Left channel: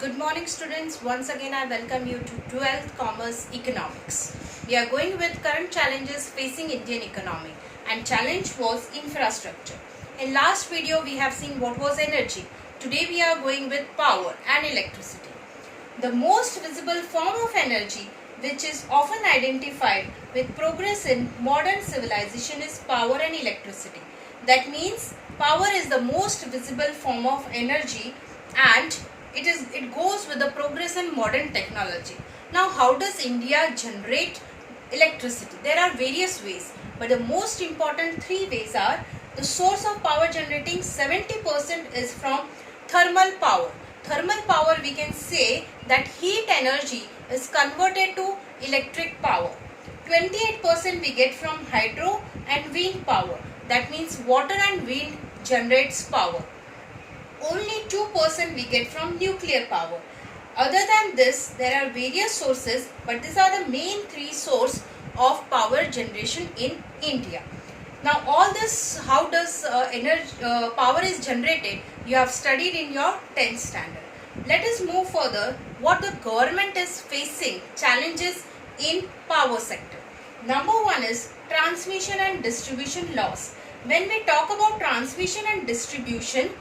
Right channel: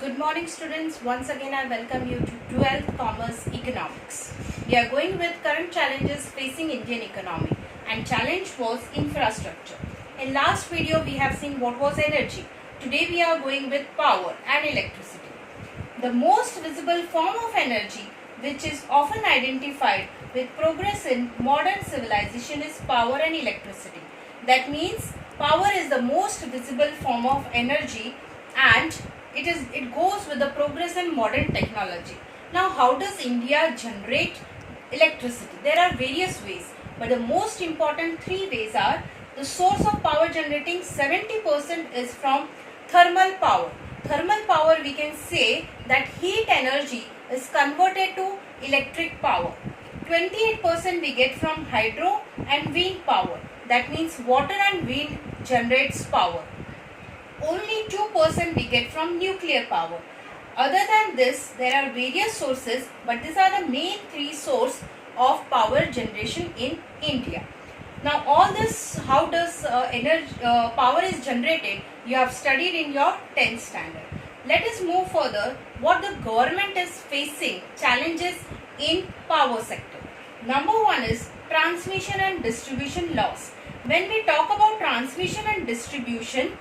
Good morning students. Once again I welcome you to 12th Commerce Economics. We are going with current challenges facing Indian economy, and challenge was infrastructure. In last video we have seen what was energy. Today we are going with power and electricity. The most visible form of energy which is often identified with progress in modern civilization is power and electricity. That means power is the most visible form of energy, and it goes with the progress in modern technology. Now, how does India generate electricity? There are various ways, but the most important three ways are: the source of power generating 70% is from thermal power. Thermal power, we can say that heat energy is converted to electric power. 28% we get from hydro and wind power. That means water and wind generates power. Only 2% we get from nuclear power. Other than this, there are various sources, but these are the main three sources of power generation in India. Now, all this, how does power is generated, you have studied in your 10th standard. Let us move further. What the government is facing challenges in power sector. Number one is transmission and distribution loss. When we talk about transmission and distribution,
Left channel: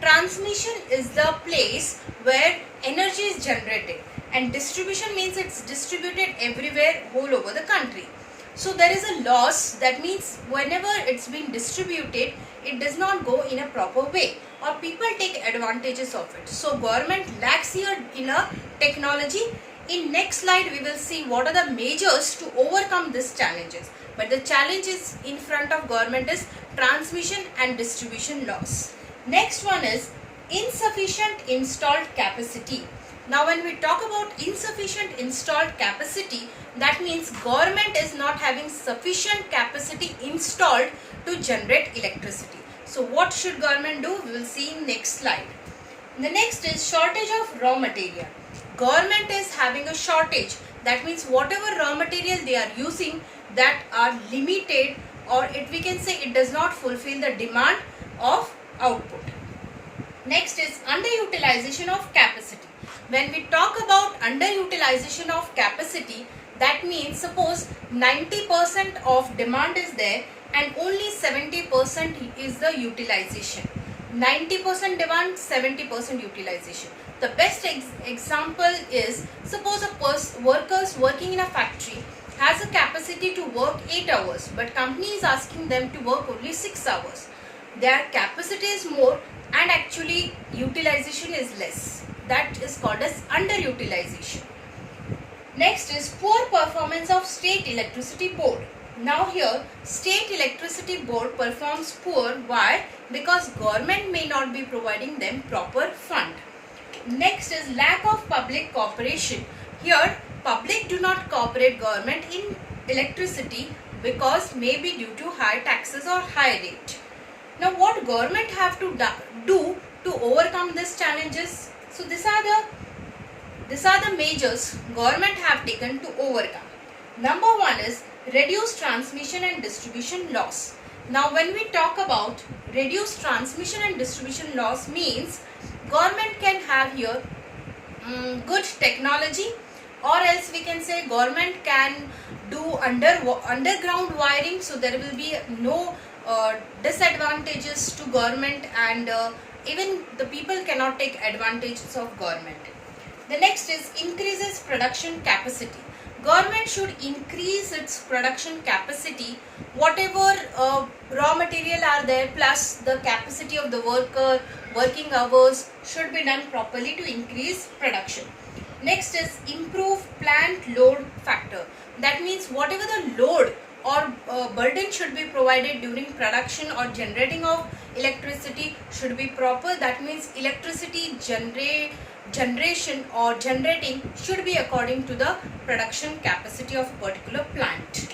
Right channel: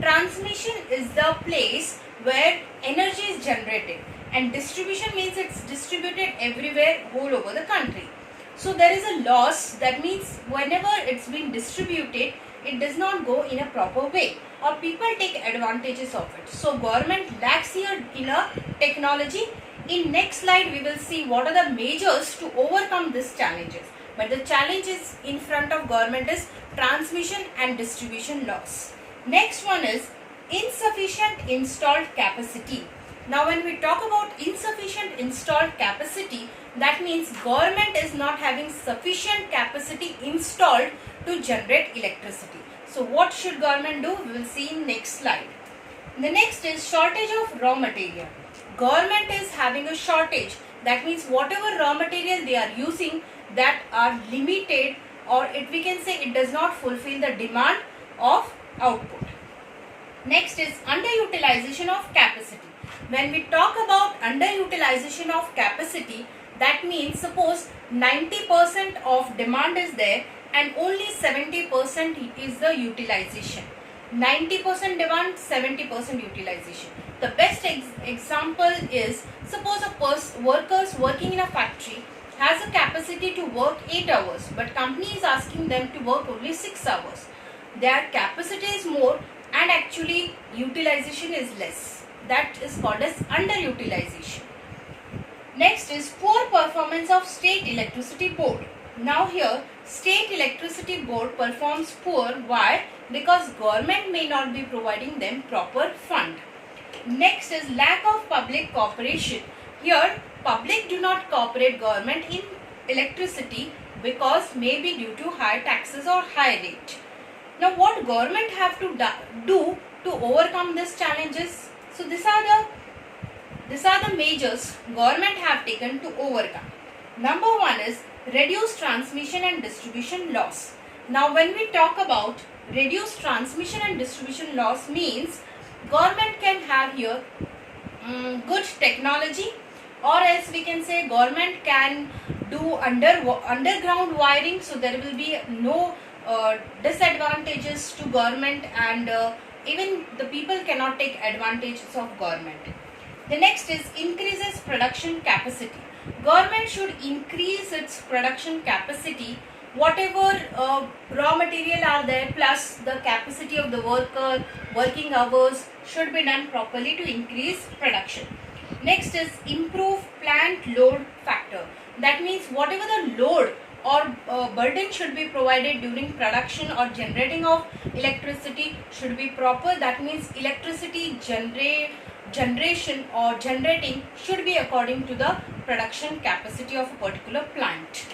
transmission is the place where energy is generated, and distribution means it's distributed everywhere, all over the country. So there is a loss. That means whenever it's been distributed, it does not go in a proper way, or people take advantages of it. So government lacks here in a technology. In next slide we will see what are the measures to overcome these challenges. But the challenges in front of government is transmission and distribution loss. Next one is insufficient installed capacity. Now when we talk about insufficient installed capacity, that means government is not having sufficient capacity installed to generate electricity. So what should government do? We will see in next slide. The next is shortage of raw material. Government is having a shortage. That means whatever raw material they are using, that are limited, or we can say it does not fulfill the demand of output. Next is underutilization of capacity. When we talk about underutilization of capacity, that means suppose 90% of demand is there and only 70% is the utilization. 90% demand, 70% utilization. The best example is, suppose a workers working in a factory has a capacity to work 8 hours, but company is asking them to work only 6 hours. Their capacity is more and actually utilization is less. That is called as underutilization. Next is poor performance of State Electricity Board. Now here State Electricity Board performs poor. Why? Because government may not be providing them proper fund. Next is lack of public cooperation. Here public do not cooperate government in electricity because maybe due to high taxes or high rate. Now what government have to do to overcome these challenges? So these are the measures government have taken to overcome. Number one is reduce transmission and distribution loss. Now when we talk about reduce transmission and distribution loss, means government can have here good technology, or else we can say government can do underground wiring, so there will be no disadvantages to government, and even the people cannot take advantages of government. The next is increases production capacity. Government should increase its production capacity. Whatever raw material are there plus the capacity of the worker, working hours should be done properly to increase production. Next is improve plant load factor. That means whatever the load or burden should be provided during production or generating of electricity should be proper. That means electricity generation or generating should be according to the production capacity of a particular plant.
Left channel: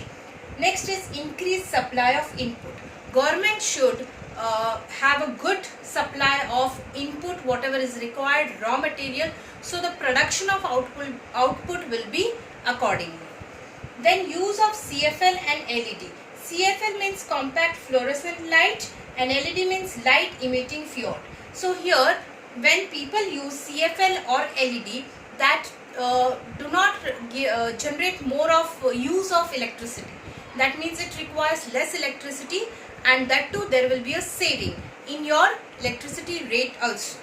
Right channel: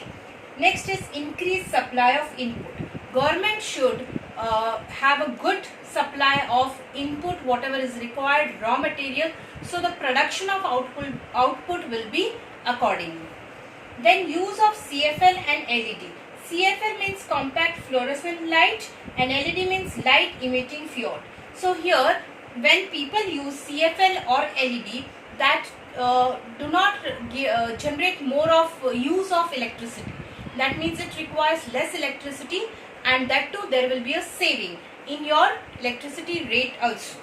Next is increase supply of input. Government should have a good supply of input, whatever is required, raw material, so the production of output will be accordingly. Then use of CFL and LED. CFL means compact fluorescent light and LED means light emitting field. So here when people use CFL or LED that do not generate more of use of electricity. That means it requires less electricity, and that too there will be a saving in your electricity rate also.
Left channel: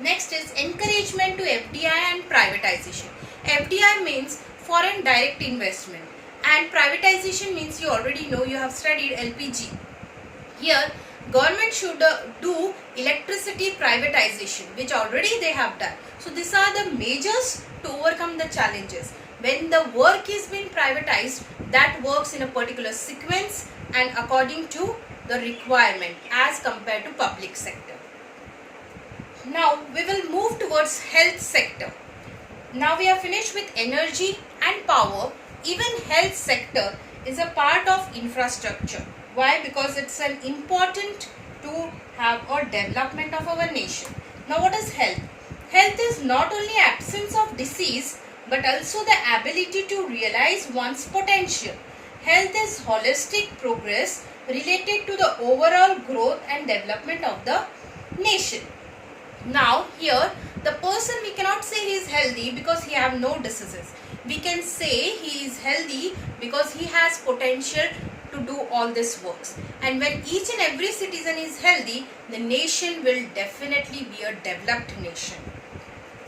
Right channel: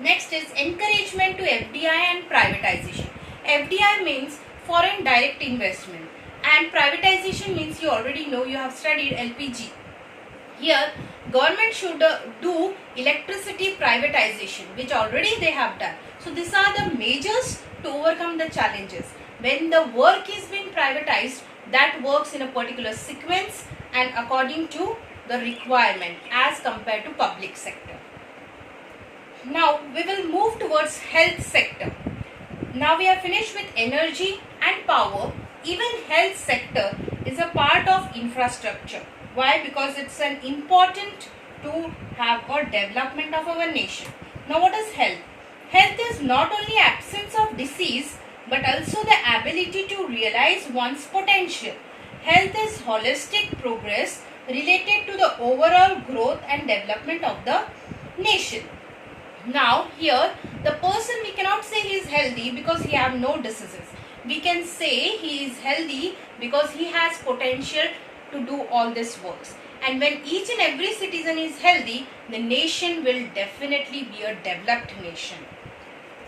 Next is encouragement to FDI and privatization. FDI means foreign direct investment, and privatization means, you already know, you have studied LPG. Here government should do electricity privatization, which already they have done. So these are the measures to overcome the challenges. When the work is being privatized, that works in a particular sequence and according to the requirement as compared to public sector. Now we will move towards health sector. Now we are finished with energy and power. Even health sector is a part of infrastructure. Why? Because it's an important to have a development of our nation. Now what is health? Health is not only absence of disease but also the ability to realize one's potential. Health is holistic progress related to the overall growth and development of the nation. Now here the person, we cannot say he is healthy because he have no diseases. We can say he is healthy because he has potential to do all this works. And when each and every citizen is healthy, the nation will definitely be a developed nation.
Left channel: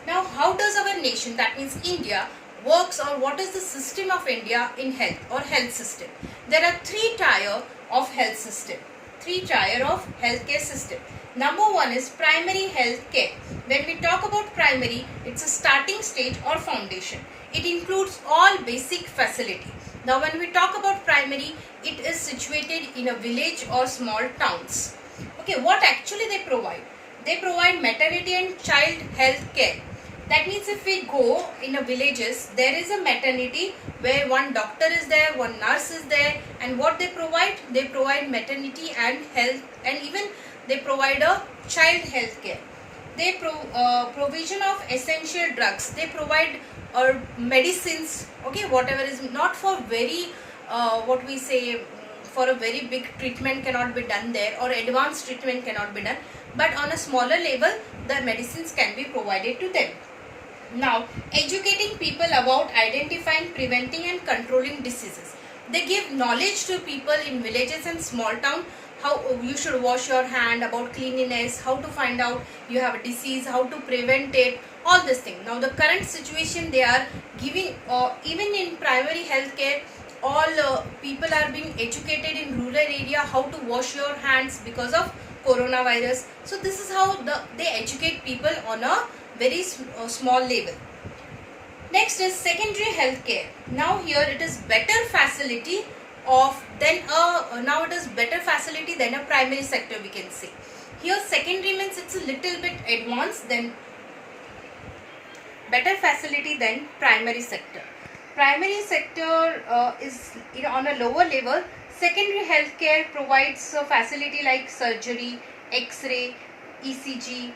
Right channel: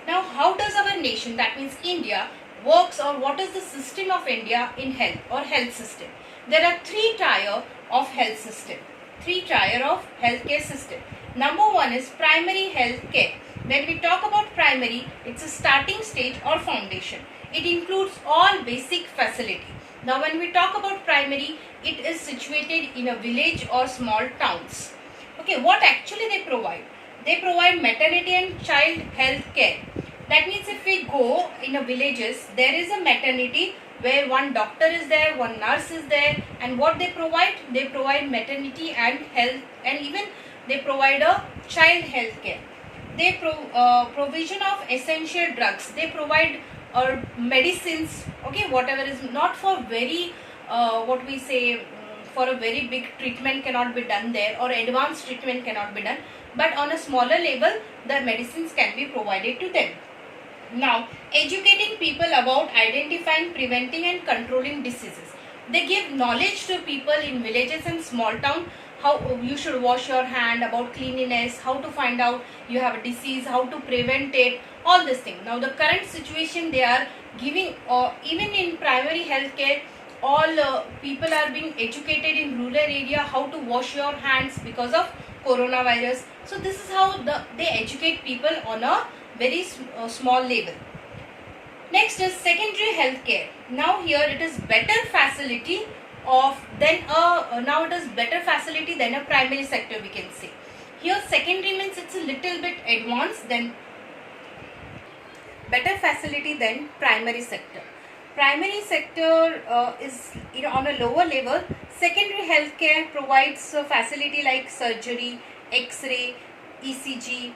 Now how does our nation, that means India, works, or what is the system of India in health or health system? There are three tier of health system, three tier of healthcare system. Number one is primary health care. When we talk about primary, it's a starting stage or foundation. It includes all basic facility. Now when we talk about primary, it is situated in a village or small towns. Okay, what actually they provide? They provide maternity and child health care. That means if we go in a villages, there is a maternity where one doctor is there, one nurse is there, and what they provide? They provide maternity and health, and even they provide a child health care. They provision of essential drugs. They provide medicines, okay, whatever is not for very what we say, for a very big treatment cannot be done there, or advanced treatment cannot be done, but on a smaller level the medicines can be provided to them. Now educating people about identifying, preventing and controlling diseases. They give knowledge to people in villages and small town, how you should wash your hand, about cleanliness, how to find out you have a disease, how to prevent it, all this thing. Now the current situation they are giving, even in primary health care, all people are being educated in rural area how to wash your hands because of coronavirus. So this is how they educate people on a very small level. Next is secondary health care. Now here it is better facility of than a now it is better facility than a primary sector, we can say. Here secondary means it's a little bit advanced than better facility than primary sector. Primary sector is on a lower level. Secondary healthcare provides a facility like surgery, X-ray, ECG.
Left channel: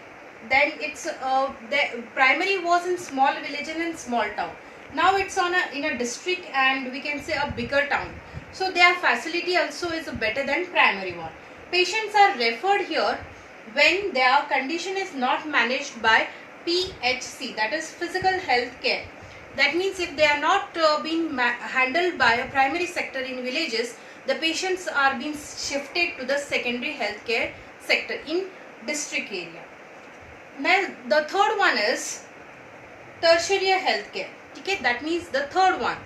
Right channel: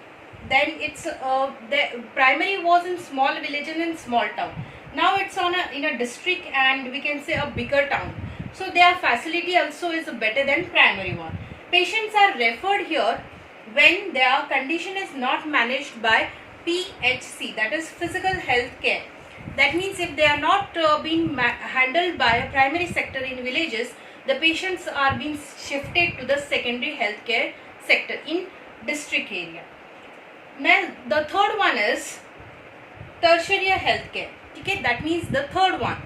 Then it's the primary was in small villages and small town. Now it's in a district and we can say a bigger town. So their facility also is better than primary one. Patients are referred here when their condition is not managed by PHC, that is physical health care. That means if they are not being handled by a primary sector in villages, the patients are being shifted to the secondary healthcare sector in district area. Now the third one is tertiary healthcare. Okay, that means the third one.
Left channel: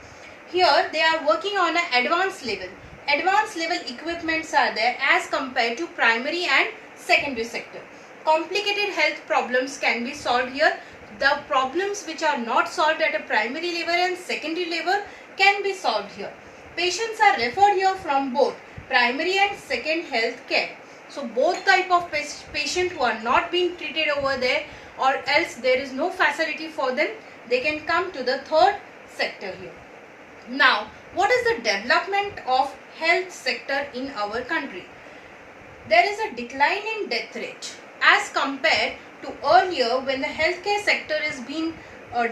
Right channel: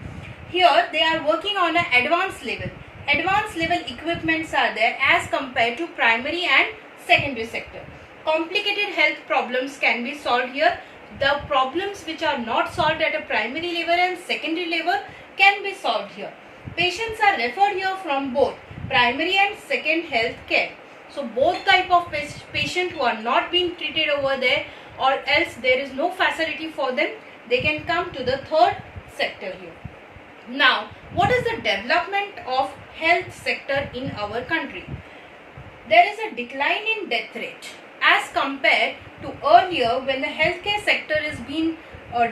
Here they are working on an advanced level. Advanced level equipments are there as compared to primary and secondary sector. Complicated health problems can be solved here. The problems which are not solved at a primary level and secondary level can be solved here. Patients are referred here from both primary and second health care. So both type of patient who are not being treated over there, or else there is no facility for them, they can come to the third sector here. Now what is the development of health sector in our country? There is a decline in death rate as compared to earlier when the healthcare sector is being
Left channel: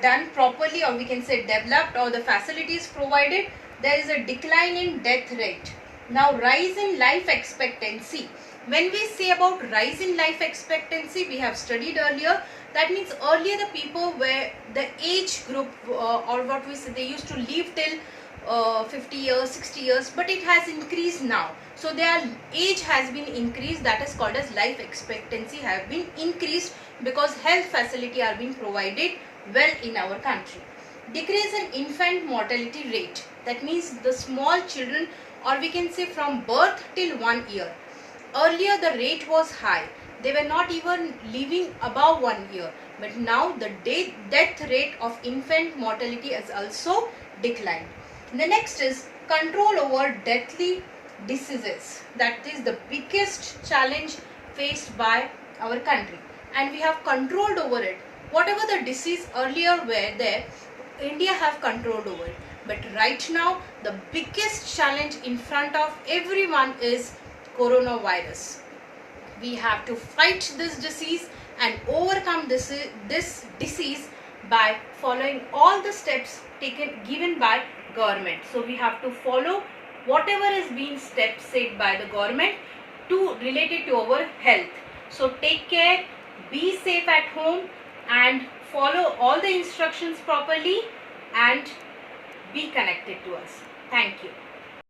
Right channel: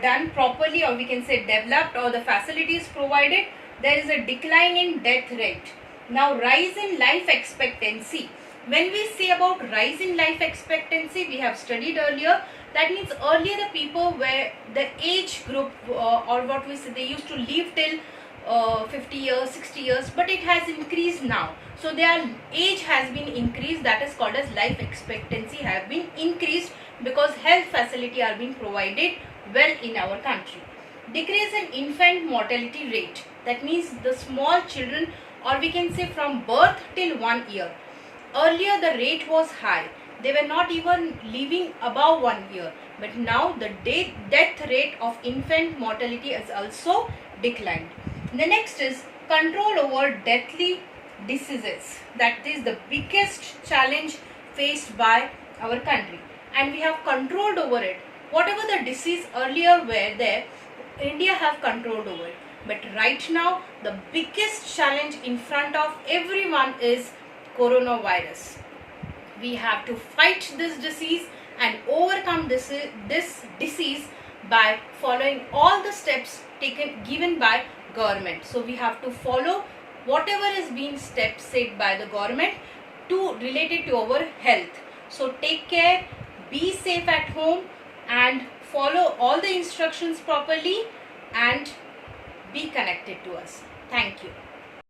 done properly, or we can say developed, or the facilities provided. There is a decline in death rate. Now rise in life expectancy. When we say about rise in life expectancy, we have studied earlier. That means earlier the people were the age group or what we say, they used to live till 50 years, 60 years, but it has increased now. So their age has been increased. That is called as life expectancy have been increased because health facility are being provided well in our country. Decrease in infant mortality rate. That means the small children, or we can say from birth till 1 year. Earlier the rate was high. They were not even living above 1 year. But now the death rate of infant mortality has also declined. The next is control over deadly diseases. That is the biggest challenge faced by our country. And we have controlled over it. Whatever the disease earlier were there, India have controlled over it. But right now, the biggest challenge in front of everyone is coronavirus. We have to fight this disease and overcome this disease by following all the steps given by government. So we have to follow whatever is being steps said by the government to related to our health. So take care, be safe at home and follow all the instructions properly and be connected to us. Thank you.